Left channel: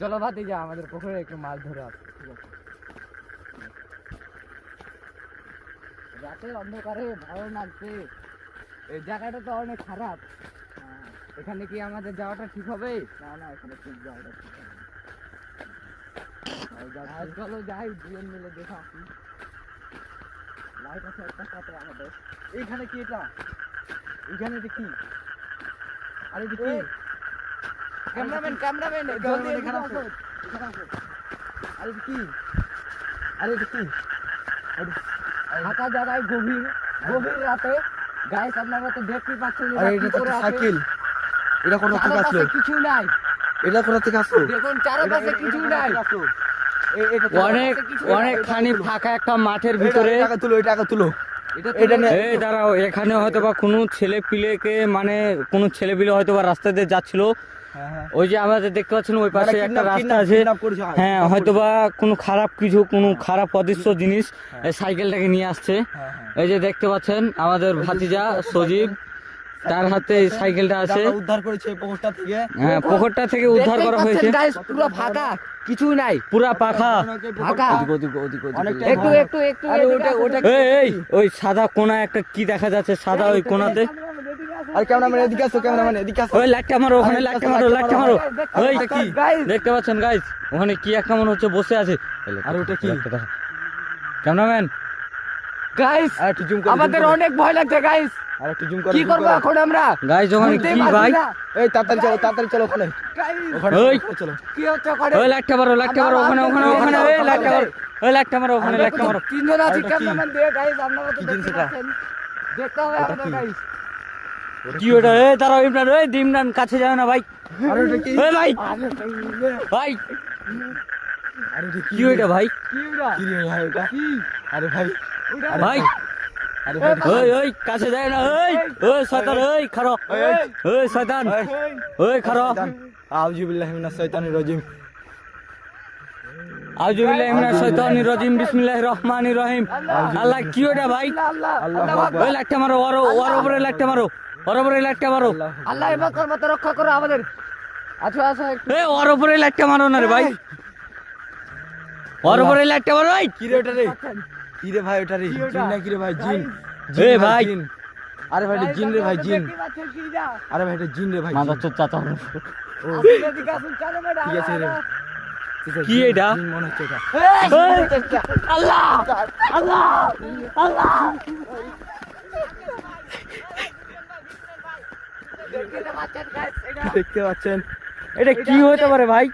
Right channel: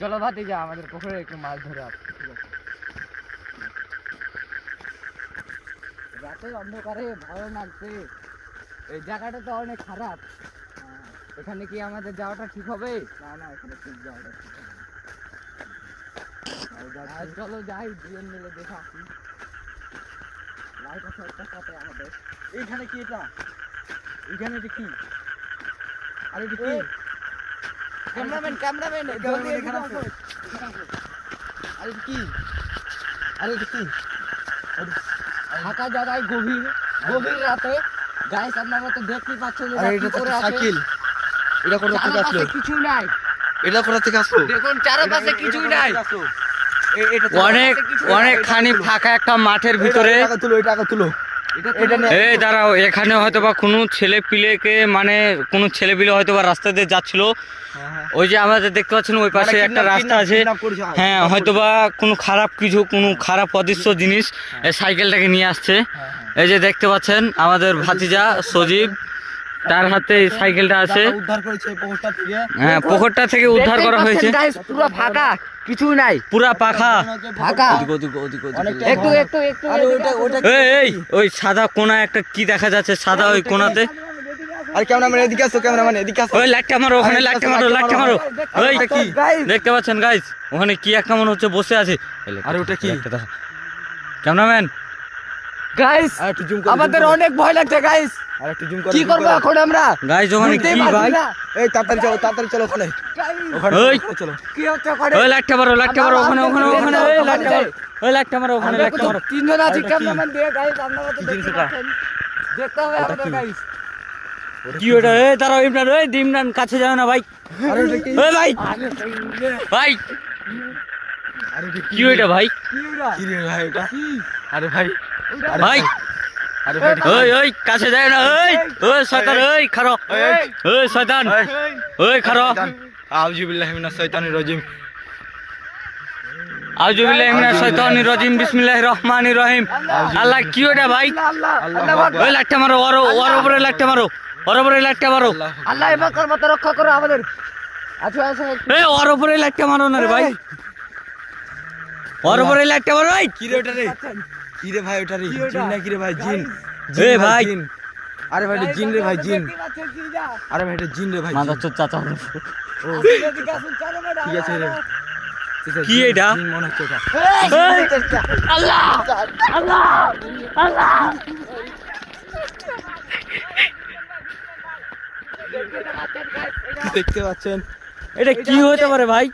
চলো ভাতিজা আমাদের পুকুরে একটু মাছ ধরে আসি। ঠিক আছে, রাতের অন্ধকারে ভালো লাগছে। এই জায়গাটা তো অনেক খারাপ। এখানে কি আমাদের যাওয়াটা ঠিক হবে? না না, এখানে ঠিক যাওয়াটা ঠিক হবে। চলো যাই, দুজন মিলে দেখে আসি। লাইট আছে একটা সাথে আমাদের। এইখানে কি এটা? এইখানে এটা কি? আরে এটা কি? ক্যামেরাম্যান ক্যামেরাম্যান এখানে আসো। আরে এটা কি? আরে এটা কি? ফাঁকা জায়গায় গভীর গভীর রাতে গাইস, আপনারা তো দেখতেই পাচ্ছেন যে আরে এটা তো সাইকেল। এটা কোথা থেকে আসলো? কিছু নাই। এটা কোথা থেকে আসলো? দেখুন চারপাশে কিছুই নাই। অনেক অনেকখানি ফাঁকা একটা মাঠের ভিতরে। টাকা তুলো। এই দাঁড়াও, এখানে হয়তো বা কোনো ছেলে পিলেকে মানে কোনো ছেলে পিলে হয়তো বা রাস্তা দিয়ে যাচ্ছিল। ওই যে আমাদের দেখতে পাচ্ছেন ওই পাশে একটা রাস্তা আছে। হ্যাঁ, হয়তো বা কোনো খারাপ কিছু, কোনো খারাপ অদৃশ্য জিনিস এই সাইকেলটাকে নিয়ে আসছে। এই যে দেখতে পাচ্ছেন আমাদের ভাতিজা সজীব, তার হাতে এই সাইকেলটা আছে। উদ্ধার করেছে পুকুরটা থেকে। হ্যাঁ, পুকুরটা থেকে উদ্ধার করা হয়েছে। পুরো ফাঁকা, কিছুই নাই, পুরা পাখা। ফাঁকা। একটু একটু একটু এই ওই সাদা কোনা একটা কি দেখা যাচ্ছে, সাদা ওই কোনাতে। আর ক্যামেরাম্যান এদিকে আসো, ক্যামেরাম্যান এদিকে আসো। ওই লাইটটা মারো, ওখানে লাইটটা মারো, লাইটটা মারো। ওই কি দেখতে পাচ্ছেন গাইস, ওখানে কি একটা মনে হচ্ছে বসে আছে। আরে ওটা কি? ক্যামেরাম্যান গাইস, আর একটু জুম করো। আমাদের অনেক ভয় লাগছে গাইস। আর একটু জুম করো। কি করব এখন আমরা? গাইস ওখানে কি ভাই? এই তাড়াতাড়ি চলো ওখানে। ওখানে ওই চলো। কি হচ্ছে ওখানে? ওই লাইটটা মারো, লাইটটা মারো, ওখানে ওখানে ওখানে এই লাইটটা মারো, ওই লাইটটা মারো, ওখানে লাইটটা মারো। তিনজন আছে ক্যামেরাম্যান দিয়ে গাইস, আপনারা তো কি জিনিস এটা? দেখতে হবে ওটা আমরা কি? গাইস। কি ওটা? এই দাঁড়াও ইমরান, ওই ইমরান কাছে যাও না ভাই। আরে এটা কি? ওই ভাই ভাই, আরে এটা কি ওইটা ভাই? কি রে ভাই এটা? আরে ভাই, ভাই আরে ভাই ওই ওই কাছে যায় না। ওই ওই শয়তান, ওই খারো, ওই শয়তান, ওই খারো। আউযু বিল্লাহি মিনাশ শাইতানির রাজিম। আউযু বিল্লাহি মিনাশ শাইতানির রাজিম, বিসমিল্লাহির রহমানির রহিম। আল্লাহ, কি ওটা ভাই? আল্লাহু আকবার। ওই লাইটটা মারো, ওর উপরে লাইটটা মারো, ওর উপরে লাইটটা মারো। আল্লাহ এবার মত রক্ষা করো আমাদের। আচ্ছা আচ্ছা, এই ওর উপরে লাইটটা মারো না রে ভাই, ওর উপরে লাইটটা মারো। ভাই কি রে ওটা রে? কি রে ভাই ওটা রে? জিন না কি রে ভাই? জিন। এ ভাই, জিন। আরে ভাই এটা জিন রে ভাই, জিন। আরে ভাই এটা জিন রে ভাই। মাদার চোদ চাচা। ও ঠিক আছে রে। কি এটা? জিন মনে হচ্ছে এটা। এই, আল্লাহ আল্লাহ আল্লাহ। দেখতে পাচ্ছেন? এটা কি হতে পারে ভাই?